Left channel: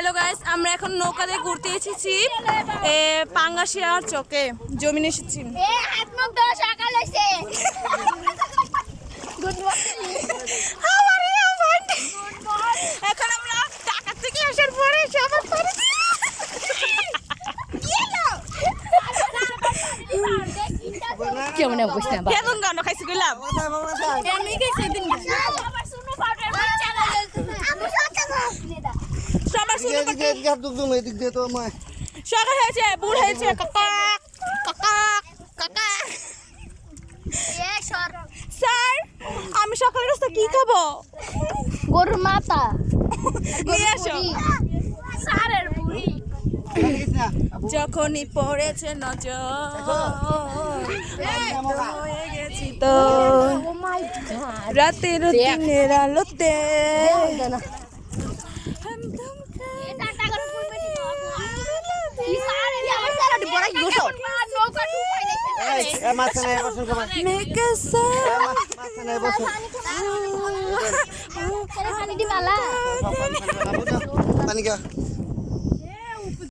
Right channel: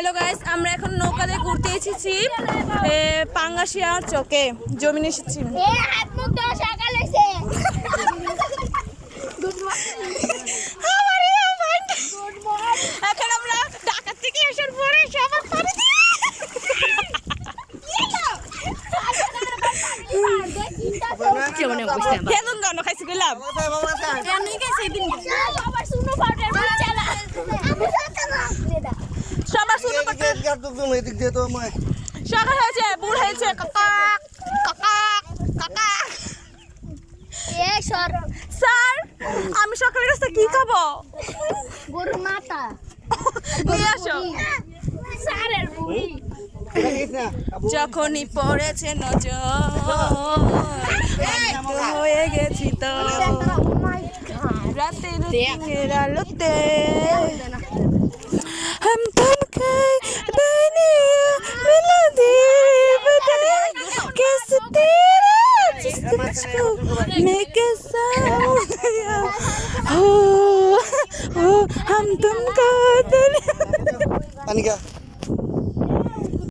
Hello guys, আমরা এখন নৌকাতে ঘুরতে এসেছি পাঙ্গাশিয়ার চকে জমিন এসেছি। এখন আমরা ঢাকা থেকে আসার পরে সবার পরে কেমন অবস্থা কেমন গান খাইছি কইলাম সবার শুরু করতে সকাল হয়েছে বুড় হয়েছে কাকা কাকা কাকা স্যার আমি সকালে রাস্তা কি খাবো গরুর মাথা নিয়ে আসো যখনই পড়েছে নজর হয়ে গেছি তো রাতের দিনের আলোতে हम तुमको दुनिया मिला दी कैसे मैं कैसा हम तुमको दुनिया